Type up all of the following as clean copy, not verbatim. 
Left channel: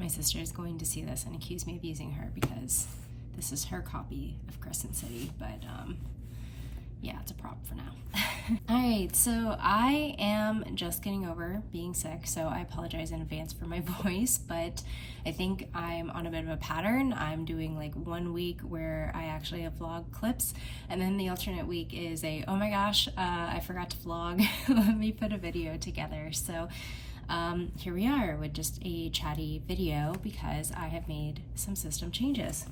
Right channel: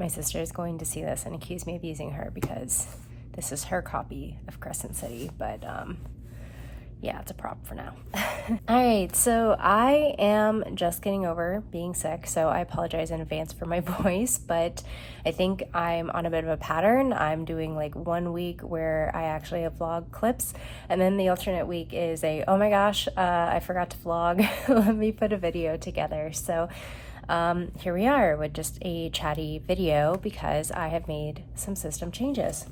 my sister is going to see this and accuse me of using her because this is her copy of Crescent City, but yeah, it's a prop for now. All right, so I am just getting over being sick, so I apologize in advance for my voice, but I think I'm on a bit of a pattern. I'm doing like 1 week where I actually have vlog clips, and then the alternate week is oh my gosh, I forgot to vlog. Let me put a video together. So here we are with just a chatty video because I have made some system changes.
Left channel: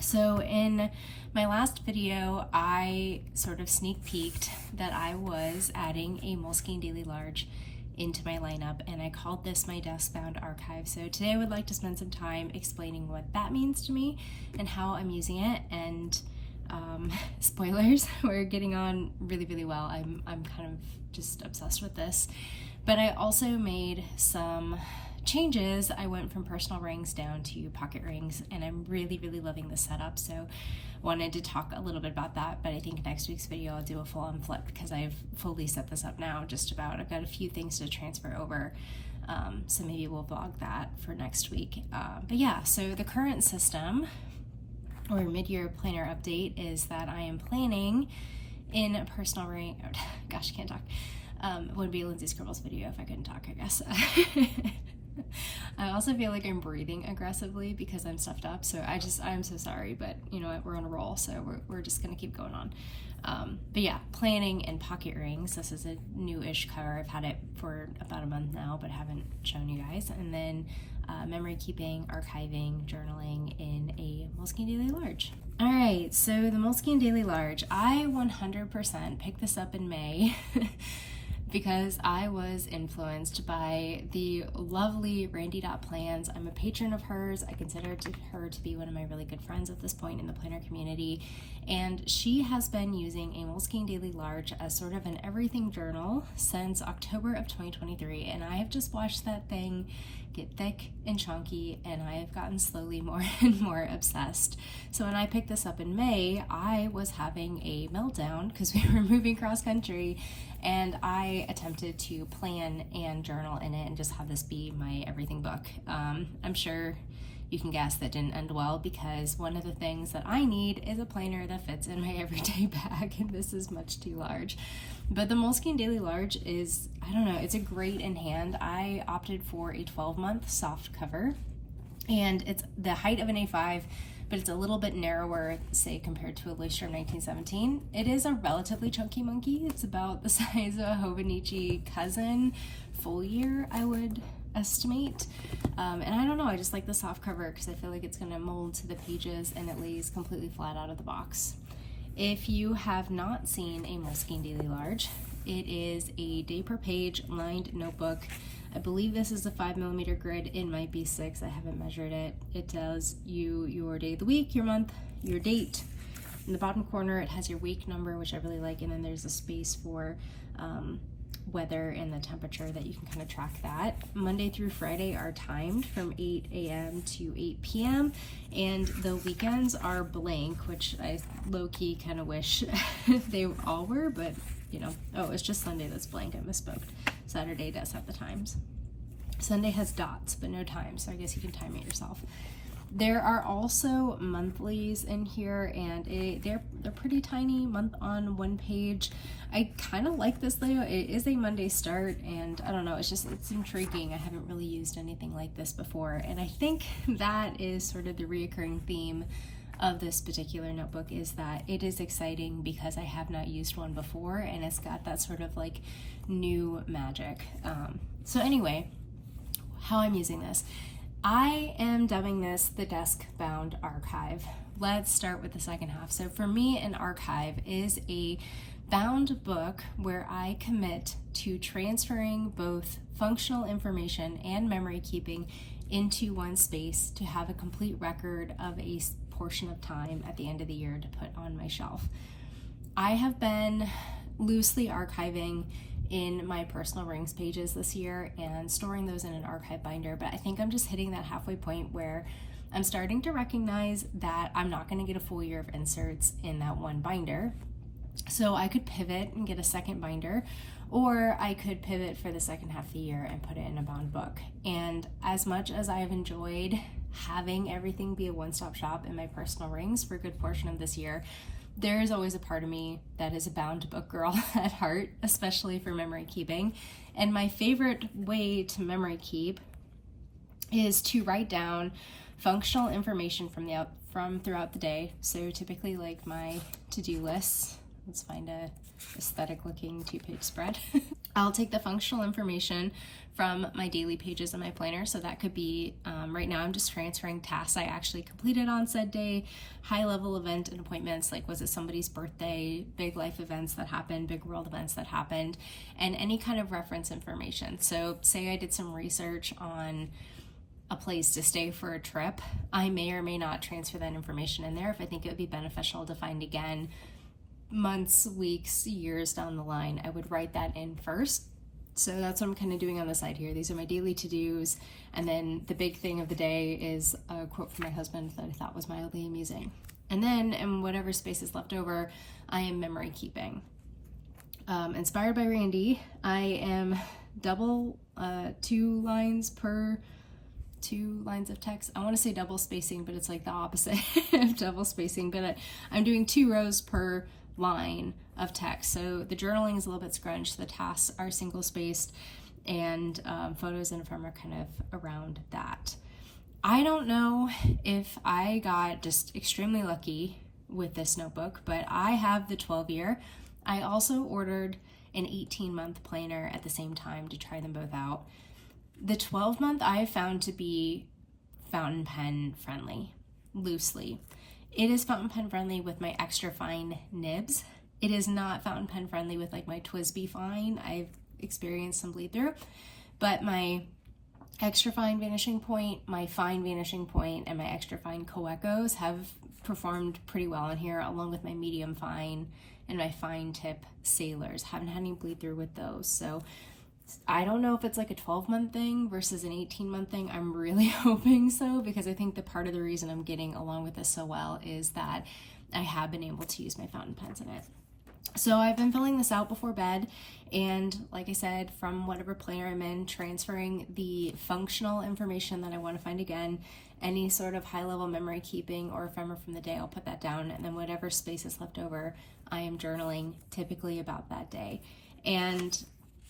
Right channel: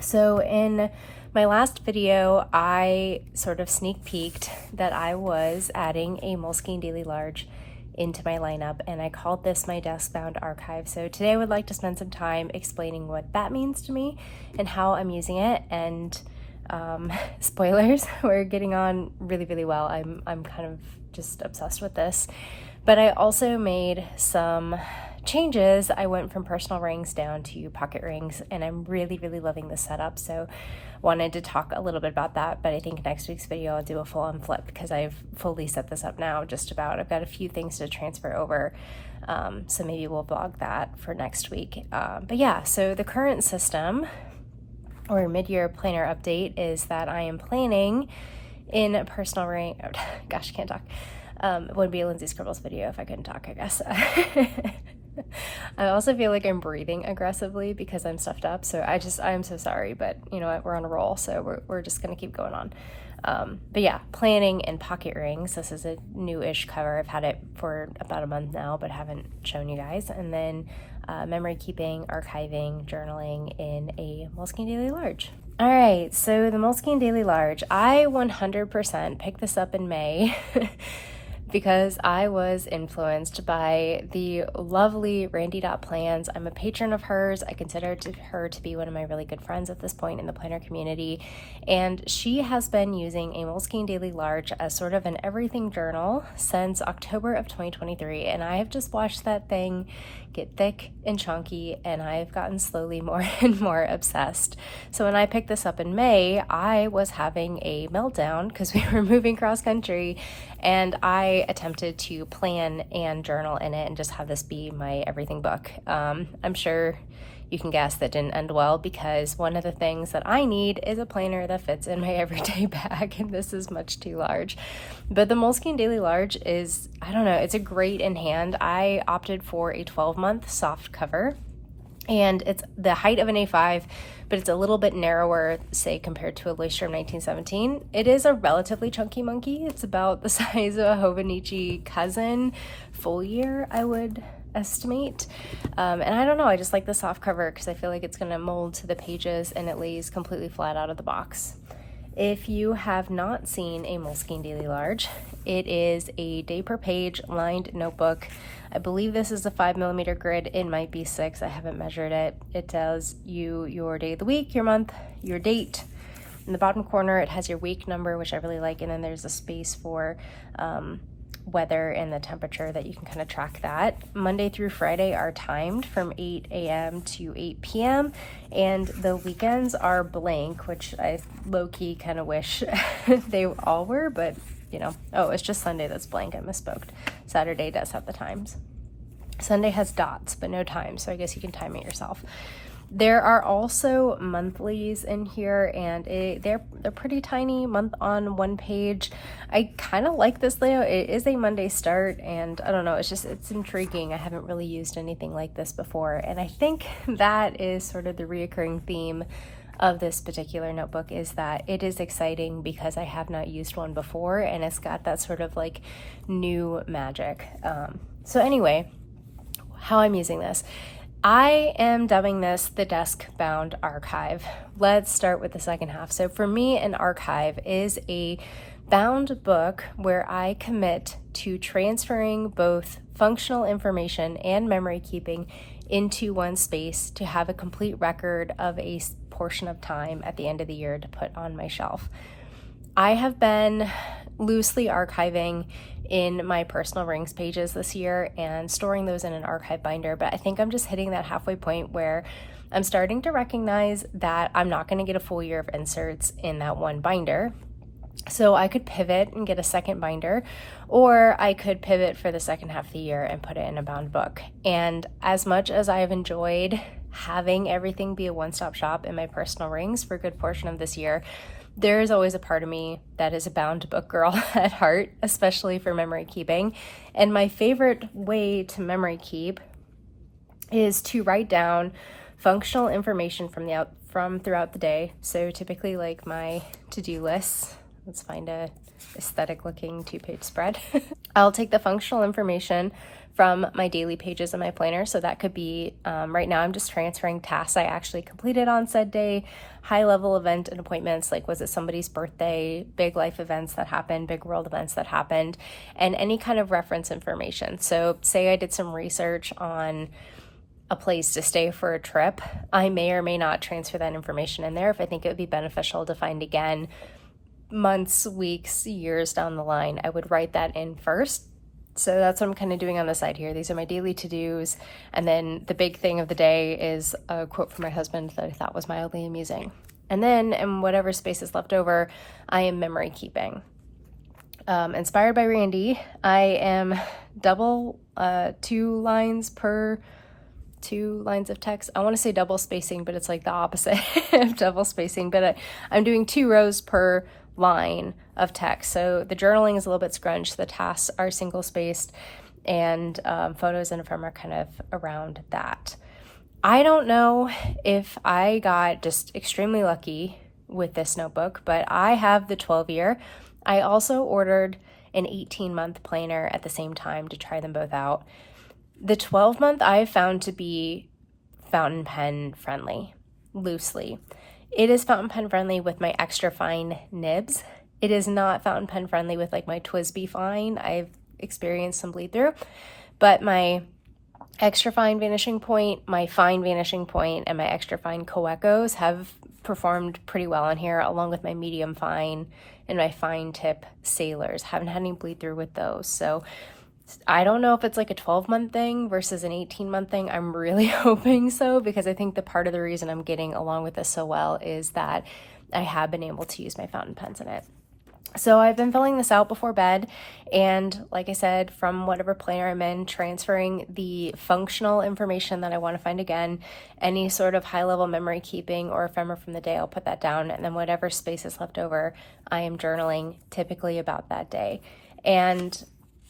So in my last video, I sort of sneak peeked that I was adding a Moleskine Daily Large into my lineup, and I called this my desk-bound archive. So today I would like to spend some time explaining what that means to me and how I'm using it. And spoilers, we're getting on really, really well. I'm kind of just obsessed with this. But I also made some changes. I went from personal rings down to pocket rings, and I'm really, really loving this setup. So wanted to talk a little bit about that, but I think next week's video I'll do a full on flip because I've fully set this up now just about. I've got a few things to transfer over, so maybe we'll vlog that for next week. But yeah, so the current system or mid-year planner update is that I am planning in a personal ring. Oh, gosh, I can't talk. It would be a Lindsay Scribbles video if I couldn't talk, I guess. I also feel like I'm breathing aggressively because I'm stuffed up, so I'm so sorry, but you know what, we're on a roll, so we're just gonna keep going on. But yeah, planning and pocket rings. This is a new-ish cover. I've had it for about a month now, but haven't shown you guys. And then memory keeping, archiving, journaling in a Moleskine Daily Large. All right, so the Moleskine Daily Large, I 100% picked this up in May because I was influenced by the lovely Randy Plans. I'm a patron of hers. I consider her to be one of my really good friends at this point in the planner community. And she has been using a Moleskine Daily Large as sort of an everything journal since October of 2023. And I have just watched that thing get thick and chunky, and I've gotten slowly more and more obsessed. So when I picked this up in May, I was having a meltdown because we were moving cross country, and I attempted to plan and journal in it and just have this be my everything book. I'm sure you can guess that didn't end well because one of the things that I need is a planner that fits in my everyday bag, and this is much too large. But the Moleskine Daily Large is, I don't know, it's a great in hand. I opted for a 12-month soft cover, and it's the height of an A5, but it's a little bit narrower, say, compared to a Leuchtturm 1917. It is a relatively chunky monkey. It's about the size of a Hobonichi cousin full year, I would estimate. And I don't know, I just like the soft cover because I feel like it's gonna mold to the pages and it lays completely flat out of the box. If you have not seen a Moleskine Daily Large, it is a day per page lined notebook. I believe this is a 5mm grid. It might be 6. I haven't measured it. It tells you your day of the week, your month, your date. In the bottom corner, it has your week number, which I really like, and then there's a space for weather and the temperature that you can kind of track that. Monday through Friday are timed from 8 a.m. to 8 p.m. and the weekends are blank, which I low-key kind of wish they all were, but you know, oh, it's just Sunday that's blank. I misspoke. Saturday does have the times. Sunday has dots, but no time, so I guess you can time it yourself. There are also monthlies in here, and they're pretty tiny, month on one page. I kind of like this layout. It is a Monday start, and I don't know, it's intriguing. I haven't really used anything like this before, and I think that is sort of the reoccurring theme of this particular notebook, is that it is exciting because I have not used one before, and it's got that sort of like new magic. So anyway, how I'm using this. I am dubbing this the desk-bound archive. Let's start with the second half. So for me, an archive is a bound book where I commit to transferring both functional information and memory keeping into one space to have a complete record of a portion of time at the end of the year to put on my shelf. I have been loosely archiving in my personal rings pages this year and storing those in an archive binder, but I think I'm just hitting that halfway point where I'm starting to recognize that I'm not going to get a full year of inserts in that one binder. So I could pivot and get a second binder, or I could pivot for the second half of the year and put it in a bound book. And as much as I have enjoyed having everything be a one-stop shop in my personal rings for a good portion of this year, there is always a part of me that is a bound book girl at heart, especially for memory keeping. And my favorite way to memory keep is to write down functional information from throughout the day. So typically like my to-do lists. Let's find a aesthetic looking 2-page spread. I'll take the functional information from my daily pages in my planner. So that could be, right now I'm just transferring tasks I actually completed on said day, high level event and appointments, like was it somebody's birthday, big life events that happened, big world events that happened, and any kind of reference information. So say I did some research on a place to stay for a trip, I may or may not transfer that information in there if I think it would be beneficial to find again months, weeks, years down the line. I would write that in first. So that's what I'm kind of doing on the side here. These are my daily to-dos. And then the big thing of the day is a quote from my husband that I thought was mildly amusing. And then in whatever space is left over, I am memory keeping. Inspired by Randy, I am double 2 lines of text. I want to say double spacing, but it's like the opposite of double spacing. But I'm doing 2 rows per line of text. So the journaling is a little bit scrunched. The tasks are single spaced, and photos and ephemera kind of around that. I don't know if I got just extremely lucky with this notebook, but I have the 12-year. I also ordered an 18-month planner at the same time to try them both out. The 12-month I found to be fountain pen friendly, loosely. It is fountain pen friendly with my extra fine nibs. It is not fountain pen friendly with like my TWSBI fine. I've experienced some bleed through, but my extra fine vanishing point, my fine vanishing point, and my extra fine co-echoes have performed pretty well on here, along with my medium fine and my fine tip sailors. Haven't had any bleed through with those. So I don't know if it's like a 12-month thing versus an 18-month thing. I'm really hoping so, because I think the part of the reason I'm getting along with this so well is that I have been able to use my fountain pens in it. So I've been filling this out before bed, and like I said, from whatever planner I'm in, transferring the functional information that I want to find again, any sort of high-level memory keeping or ephemera from the day, I'll put that down, and then whatever space is left over, I am journaling typically about that day. And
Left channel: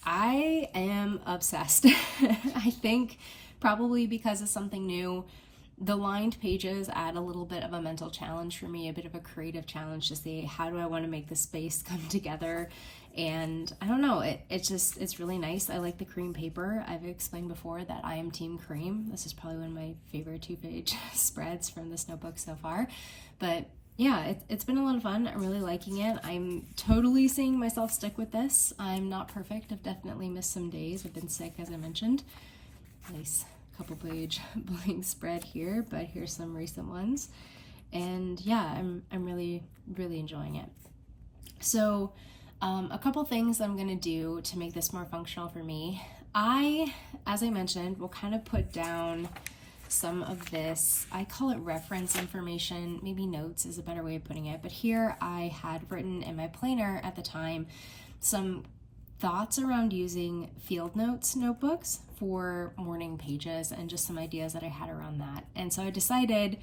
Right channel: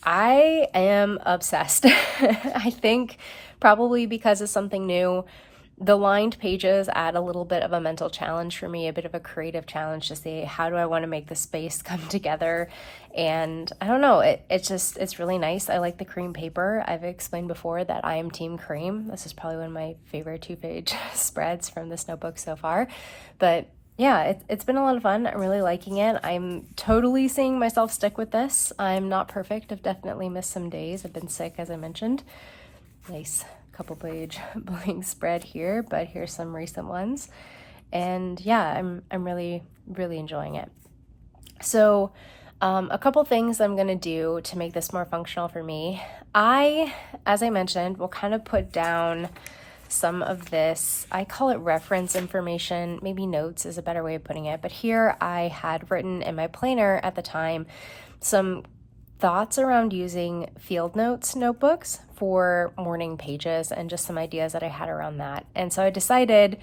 I am obsessed. I think probably because it's something new, the lined pages add a little bit of a mental challenge for me, a bit of a creative challenge to see how do I want to make the space come together. And I don't know, it's really nice. I like the cream paper. I've explained before that I am team cream. This is probably one of my favorite 2-page spreads from this notebook so far. But yeah, it's been a lot of fun. I'm really liking it. I'm totally seeing myself stick with this. I'm not perfect. I've definitely missed some days. I've been sick, as I mentioned. Nice couple page blank spread here, but here's some recent ones. And yeah, I'm really, really enjoying it. So a couple things I'm gonna do to make this more functional for me. As I mentioned, will kind of put down some of this, I call it reference information, maybe notes is a better way of putting it, but here I had written in my planner at the time some thoughts around using field notes notebooks for morning pages and just some ideas that I had around that. And so I decided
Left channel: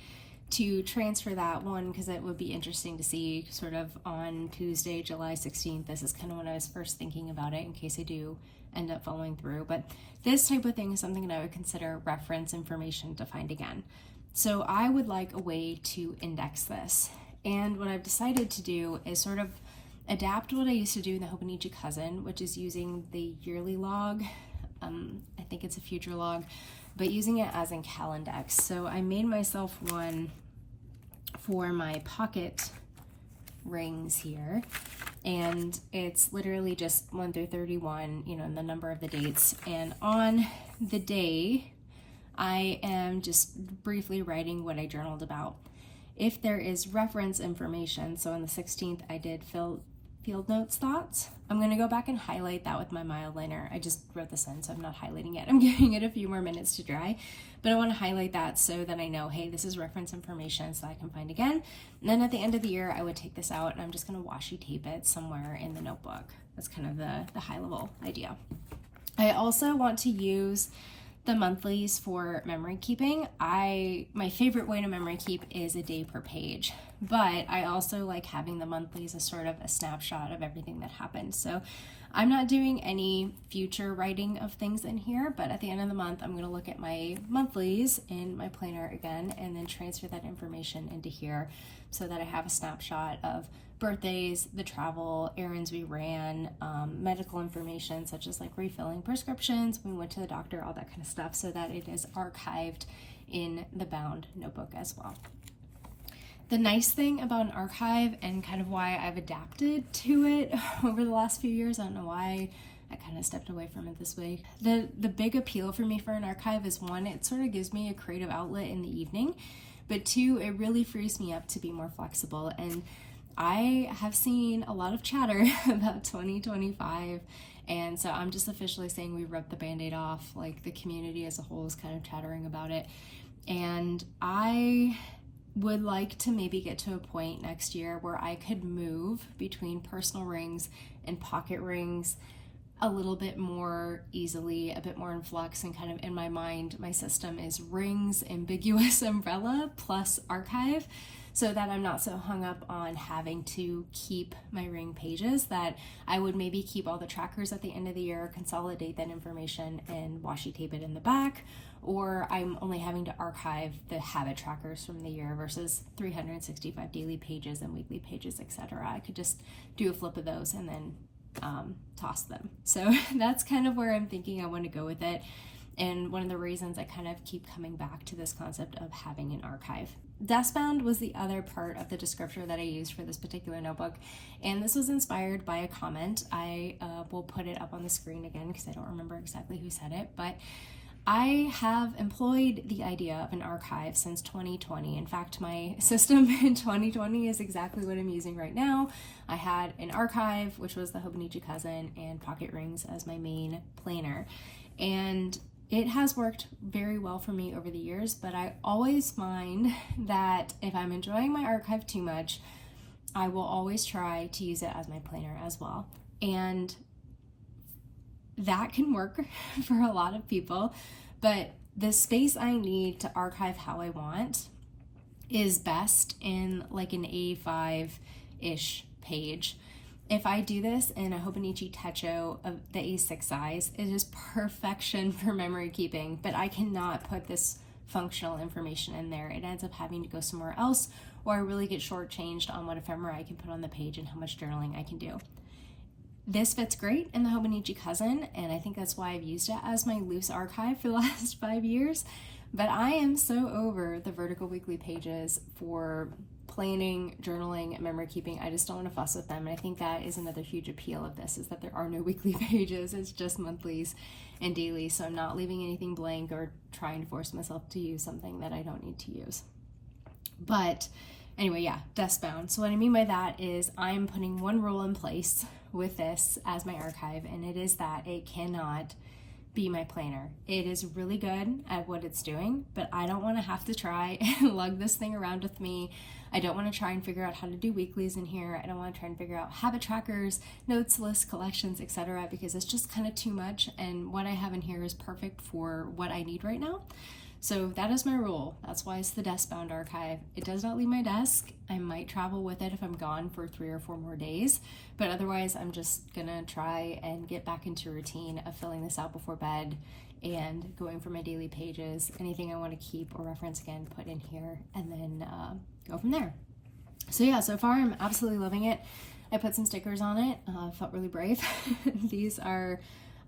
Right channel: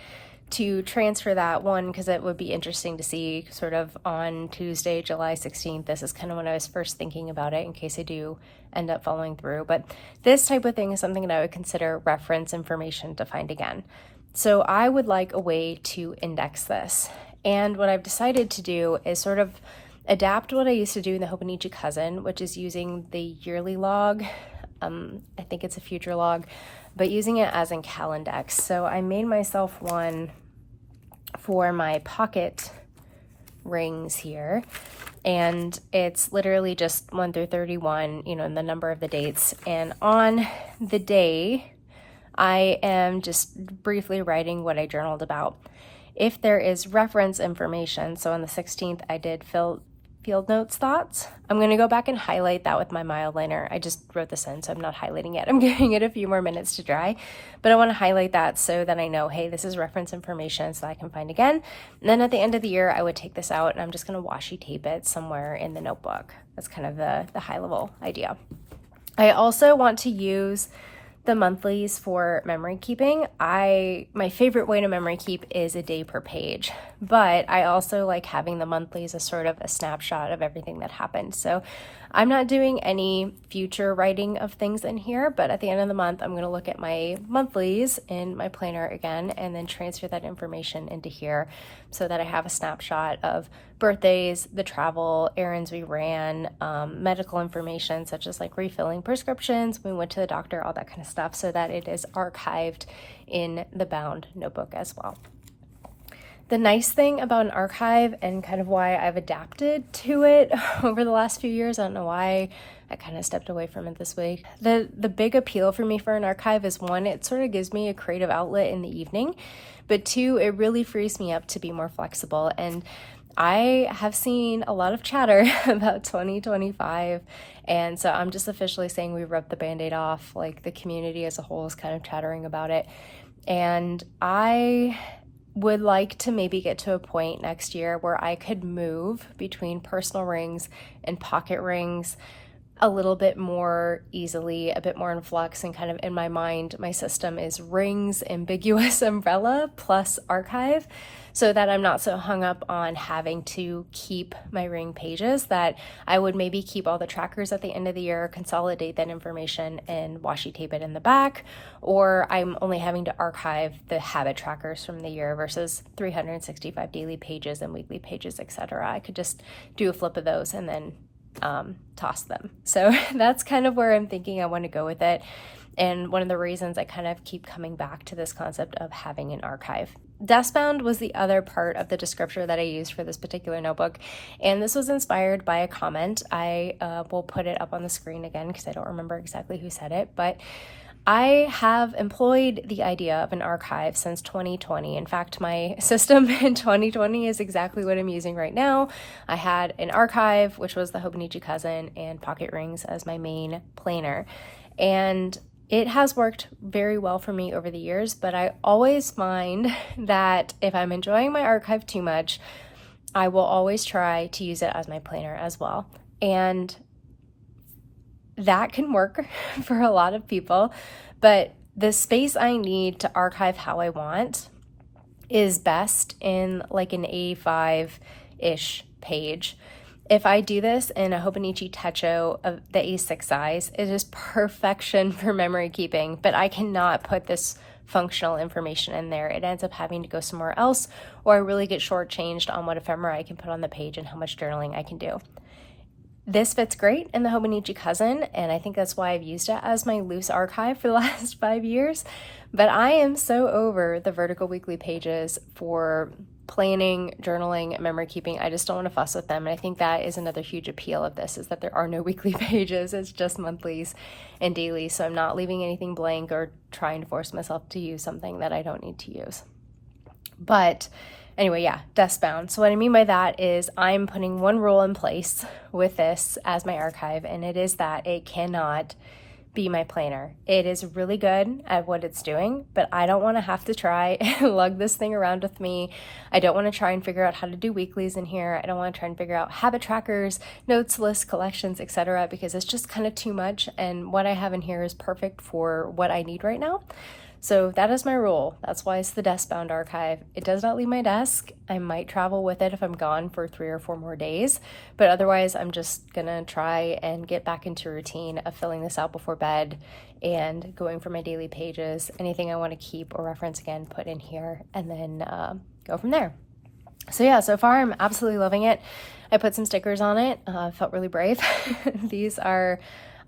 to transfer that one because it would be interesting to see sort of on Tuesday, July 16th. This is kind of when I was first thinking about it in case I do end up following through. But this type of thing is something that I would consider reference information to find again. So I would like a way to index this. And what I've decided to do is sort of adapt what I used to do in the Hobonichi Cousin, which is using the yearly log. I think it's a future log, but using it as in Calendex. So I made myself one for my pocket rings here, and it's literally just 1 through 31, and the number of the dates. And on the day, I am just briefly writing what I journaled about. If there is reference information, so on the 16th, I did field notes thoughts. I'm going to go back and highlight that with my mild liner. I just wrote this in, so I'm not highlighting it. I'm giving it a few more minutes to dry, but I want to highlight that so that I know, hey, this is reference information so that I can find again. And then at the end of the year, I would take this out and I'm just going to washi tape it somewhere in the notebook. That's kind of the high level idea. I also want to use the monthlies for memory keeping. My favorite way to memory keep is a day per page, but I also like having the monthlies as sort of a snapshot of everything that happened. So I'm not doing any future writing of things in here, but at the end of the month, I'm going to look at my monthlies in my planner again and then transfer that information into here so that I have a snapshot of birthdays, the travel, errands we ran, medical information such as like refilling prescriptions, we went to the doctor, all that kind of stuff, so that it is archived in the bound notebook as well. The nice thing about an archive and kind of why I've adapted to it over the last few years, I don't know why I kind of stepped away from it this week. The big appeal for me for an archive is, one, it sort of gives me a creative outlet in the evening, but two, it really frees me up to be more flexible. And I have seen a lot of chatter about 2025, and so I'm just officially saying we rubbed the Band-Aid off. Like, the community as a whole is kind of chattering about it, and I would like to maybe get to a point next year where I could move between personal rings and pocket rings a little bit more easily, a bit more in flux, and kind of in my mind, my system is rings, ambiguous umbrella plus archive, so that I'm not so hung up on having to keep my ring pages, that I would maybe keep all the trackers at the end of the year, consolidate that information and washi tape it in the back, or I'm only having to archive the habit trackers from the year versus 365 daily pages and weekly pages, etc. I could just do a flip of those and then toss them. So that's kind of where I'm thinking I want to go with it. And one of the reasons I kind of keep coming back to this concept of having an archive. Deskbound was the other part of the descriptor that I used for this particular notebook, and this was inspired by a comment. I will put it up on the screen again because I don't remember exactly who said it, but I have employed the idea of an archive since 2020. In fact, my system in 2020 is exactly what I'm using right now. I had an archive, which was the Hobonichi Cousin, and pocket rings as my main planner, and it has worked very well for me over the years, but I always find that if I'm enjoying my archive too much, I will always try to use it as my planner as well. And that can work for a lot of people, but the space I need to archive how I want is best in like an A5-ish page. If I do this in a Hobonichi Techo of the A6 size, it is perfection for memory keeping, but I cannot put this functional information in there. It ends up having to go somewhere else, or I really get shortchanged on what ephemera I can put on the page and how much journaling I can do. This fits great in the Hobonichi Cousin, and I think that's why I've used it as my loose archive for the last 5 years, but I am so over the vertical weekly pages for planning, journaling, memory keeping. I just don't want to fuss with them. And I think that is another huge appeal of this, is that there are no weekly pages. It's just monthlies and dailies. So I'm not leaving anything blank or trying to force myself to use something that I don't need to use. But anyway, yeah, deskbound. So what I mean by that is I'm putting one rule in place with this as my archive, and it is that it cannot be my planner. It is really good at what it's doing, but I don't want to have to try and lug this thing around with me. I don't want to try and figure out how to do weeklies in here. I don't want to try and figure out habit trackers, notes, lists, collections, etc., because it's just kind of too much, and what I have in here is perfect for what I need right now. So that is my rule. That's why it's the desk-bound archive. It does not leave my desk. I might travel with it if I'm gone for 3 or 4 more days, but otherwise I'm just gonna try and get back into routine of filling this out before bed and going for my daily pages. Anything I want to keep or reference again, put in here, and then go from there. So yeah, so far I'm absolutely loving it. I put some stickers on it. Felt really brave. These are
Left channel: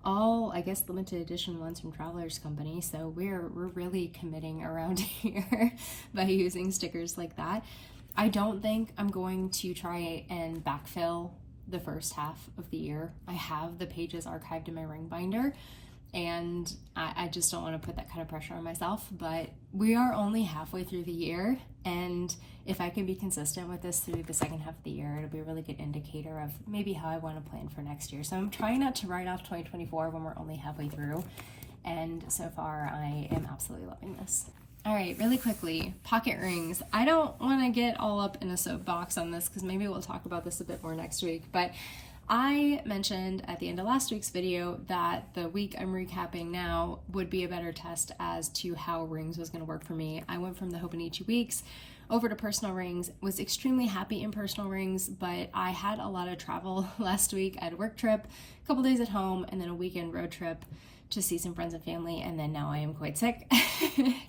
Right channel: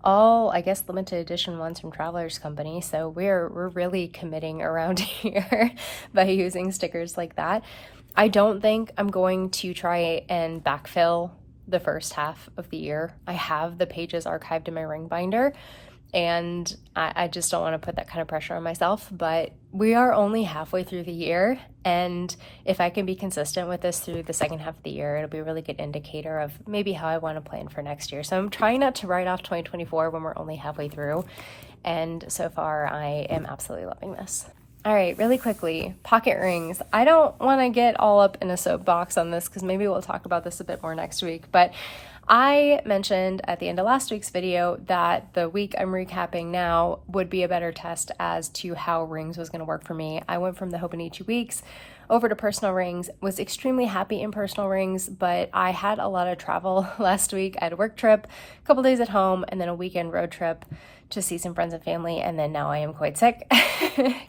all, I guess, limited edition ones from Travelers Company, so we're really committing around here by using stickers like that. I don't think I'm going to try and backfill the first half of the year. I have the pages archived in my ring binder, and I just don't want to put that kind of pressure on myself. But we are only halfway through the year, and if I can be consistent with this through the second half of the year, it'll be a really good indicator of maybe how I want to plan for next year. So I'm trying not to write off 2024 when we're only halfway through, and so far I am absolutely loving this. All right, really quickly, pocket rings. I don't want to get all up in a soapbox on this because maybe we'll talk about this a bit more next week, but I mentioned at the end of last week's video that the week I'm recapping now would be a better test as to how rings was going to work for me. I went from the Hobonichi weeks over to personal rings, was extremely happy in personal rings, but I had a lot of travel last week. I had a work trip, a couple days at home, and then a weekend road trip to see some friends and family, and then now I am quite sick.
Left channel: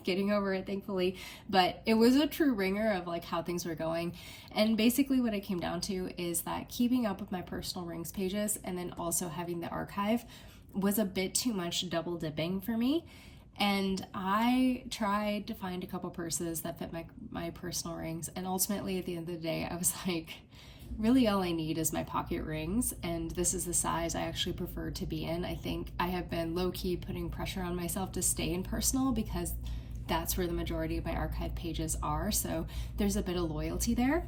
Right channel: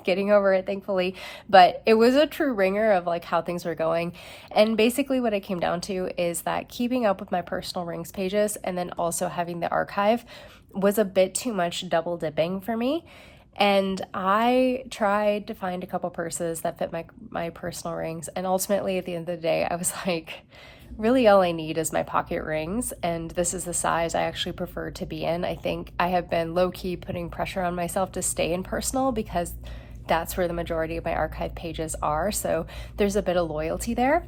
Getting over it, thankfully, but it was a true ringer of like how things were going. And basically what it came down to is that keeping up with my personal rings pages and then also having the archive was a bit too much double dipping for me. And I tried to find a couple purses that fit my personal rings, and ultimately at the end of the day I was like, really all I need is my pocket rings, and this is the size I actually prefer to be in. I think I have been low-key putting pressure on myself to stay in personal because that's where the majority of my archive pages are, so there's a bit of loyalty there.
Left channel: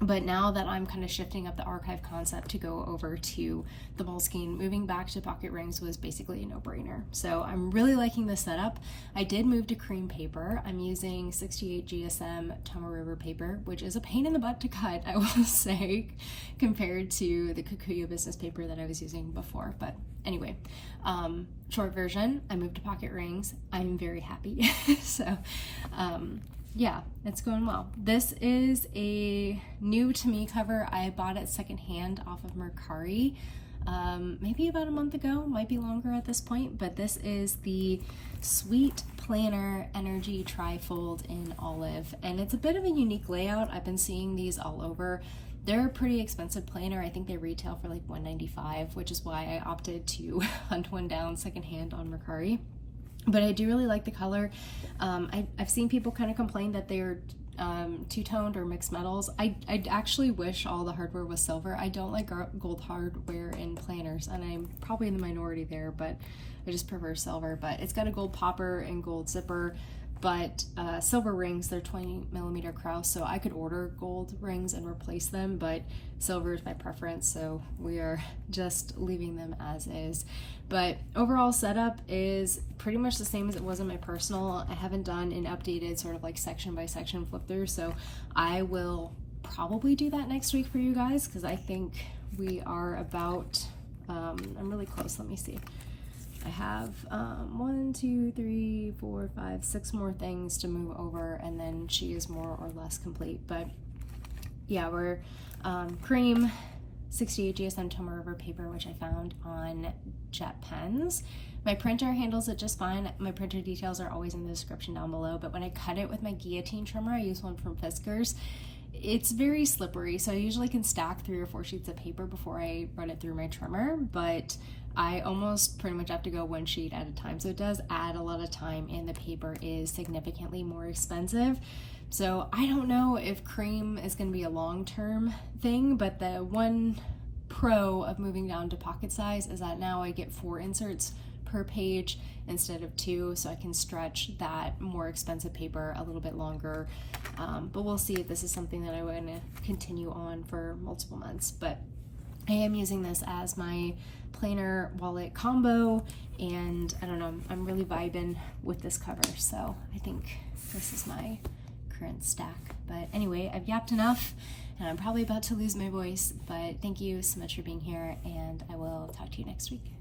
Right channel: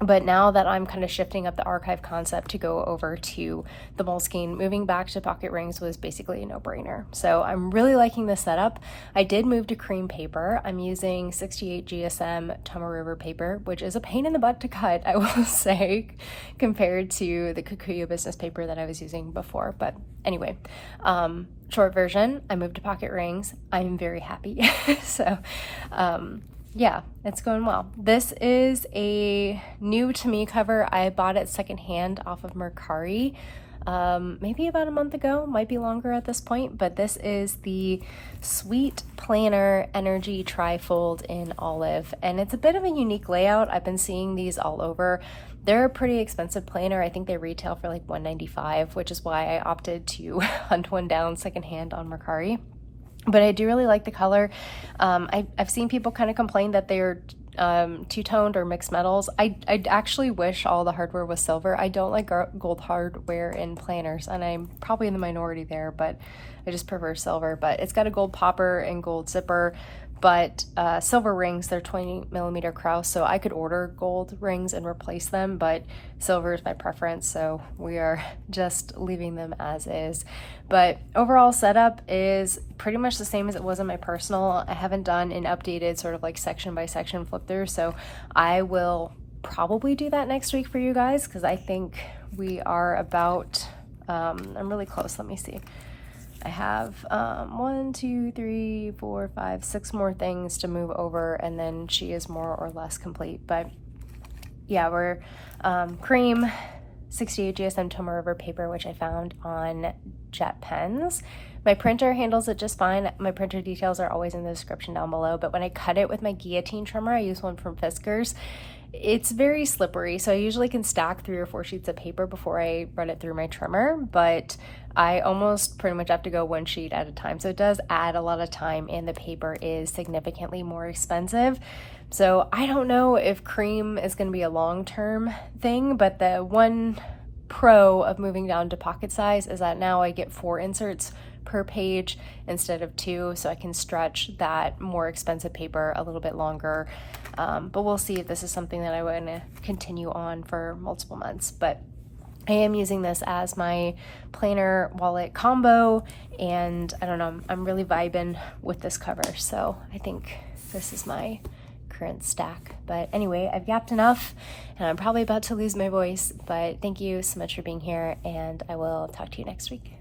But now that I'm kind of shifting up the archive concept to go over to the Moleskine, moving back to pocket rings was basically a no-brainer. So I'm really liking this setup. I did move to cream paper. I'm using 68 GSM Tomoe River paper, which is a pain in the butt to cut, I will say, compared to the Kikuyu business paper that I was using before. But anyway, short version, I moved to pocket rings. I'm very happy. So, yeah, it's going well. This is a new to me cover. I bought it secondhand off of Mercari, maybe about a month ago, might be longer at this point, but this is the SweetPlanner Energy Trifold in olive, and it's a bit of a unique layout. I've been seeing these all over. They're a pretty expensive planner. I think they retail for like $195, which is why I opted to hunt one down secondhand on Mercari. But I do really like the color. I've seen people kind of complain that they're two-toned or mixed metals. I actually wish all the hardware was silver. I don't like gold hardware in planners, and I'm probably in the minority there, but I just prefer silver. But it's got a gold popper and gold zipper, but silver rings, they're 20mm Krauss, so I could order gold rings and replace them, but silver is my preference, so we are just leaving them as is. But overall setup is pretty much the same as it was in my personal. I haven't done an updated sort of like section by section flip through, so I will probably do that next week for you guys, because I think we are about, I'm really close, let me see. I have 1, 2, 3, 4, 5, 6 more things to move over, and then she is more or less complete. But yeah, we're cream 68 GSM Tomoe River paper, which I found on Jet Pens. My printer handles it just fine. My printer details are always in the description down below, but when I cut it with my guillotine trimmer, I use one from Fiskars, it's very slippery, so I usually can stack 3 or 4 sheets of paper before I run it through my trimmer, but I almost pretty much have to go 1 sheet at a time, so it does add a lot of time, and the paper is significantly more expensive. So I don't know if cream is going to be a long-term thing, but the one pro of moving down to pocket size is that now I get 4 inserts per page instead of 2, so I can stretch that more expensive paper a little bit longer. But we'll see if this is something that I want to continue on for multiple months. But I am using this as my planner wallet combo, and I don't know, I'm really vibing with this cover, so I think this is my current stack. But anyway, I've yapped enough, and I'm probably about to lose my voice, but thank you so much for being here, and I will talk to you next week.